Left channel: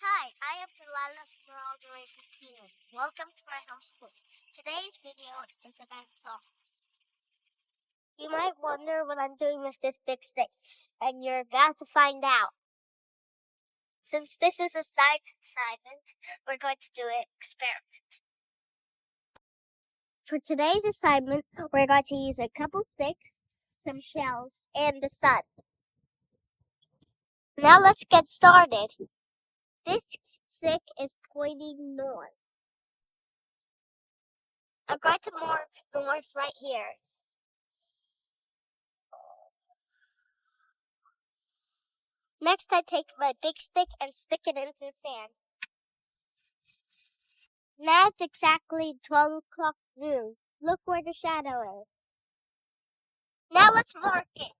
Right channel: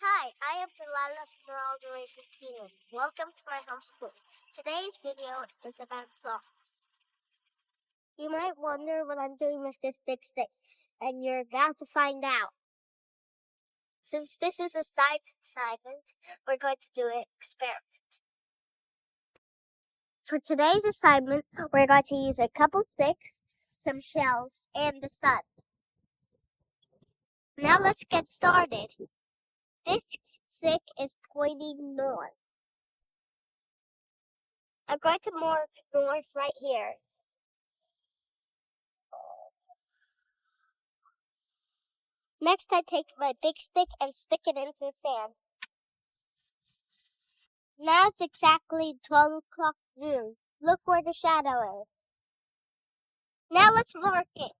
Hi, I am Delilah all the way from Keenan. Welcome to my homeschool. Today's video is about clocks. You might wonder what I'm doing with this big stick, and you're about to find out. Since this is a science assignment, we're going to do an experiment. For today's assignment, we're going to use a couple sticks, some shells, and the sun. Now let's get started. This stick is pointing north. I'm going to mark north right here. Next, I take my big stick and stick it into the sand. Now it's exactly 12 o'clock noon. Look where the shadow is. Now let's mark it.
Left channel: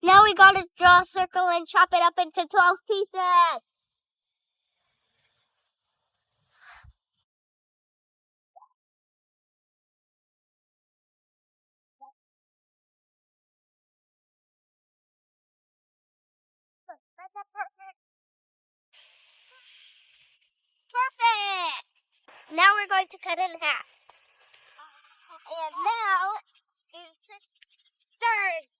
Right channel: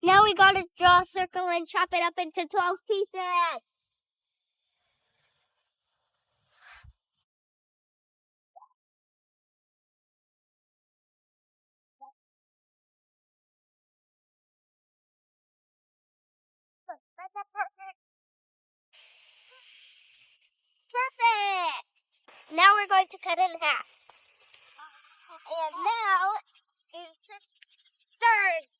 Now we gotta draw a circle and chop it up into 12 pieces. Perfect! Now we're going to cut it in half. And now it's thirds.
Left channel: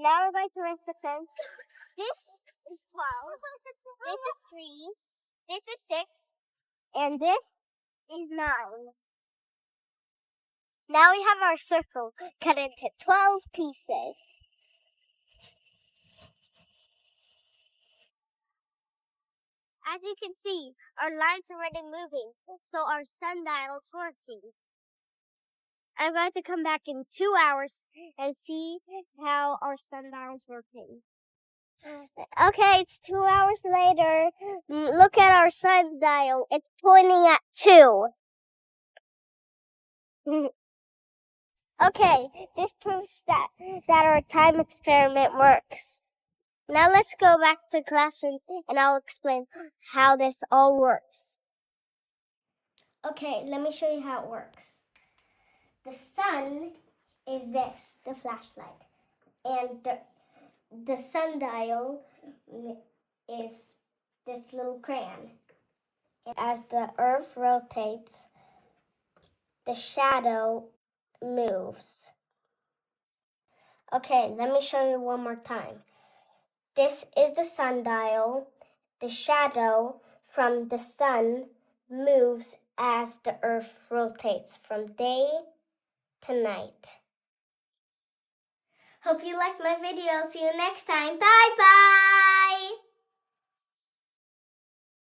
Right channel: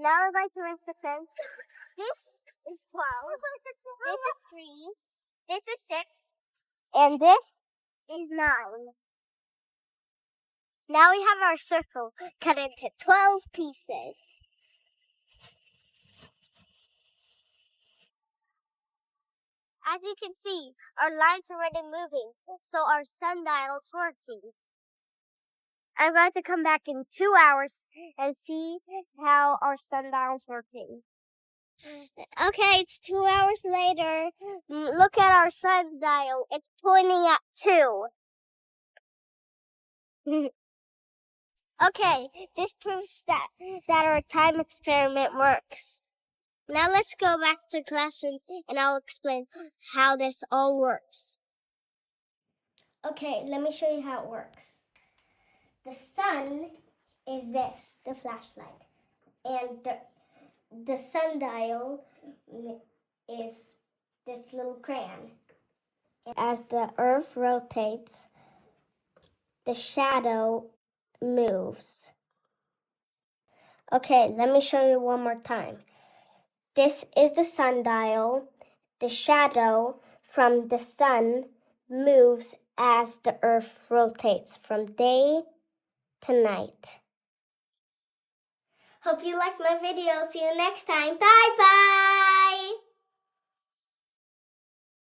Now we're going to rinse the fence. This is 12. This is 3. This is 6. And this is 9. Now we have our circle cut into 12 pieces. As you can see, our line's already moving, so our sundial's working. I'm going to come back in 2 hours and see how our sundial's working. Okay, it's 2 hours later. Look at our sundial. It's pointing at 2. Okay, this proves that our time experiment works. Now let's go back to the classroom and I'll explain how this all works. Okay, let me show you how it works. The sun is this, the flashlight. And the sundial is this little crayon. And as the earth rotates, the shadow moves. Okay, let me show you one more time. This is the sundial. The shadow from the sun moves as the earth rotates from day to night. Hope you liked my video. See you next time. Bye bye.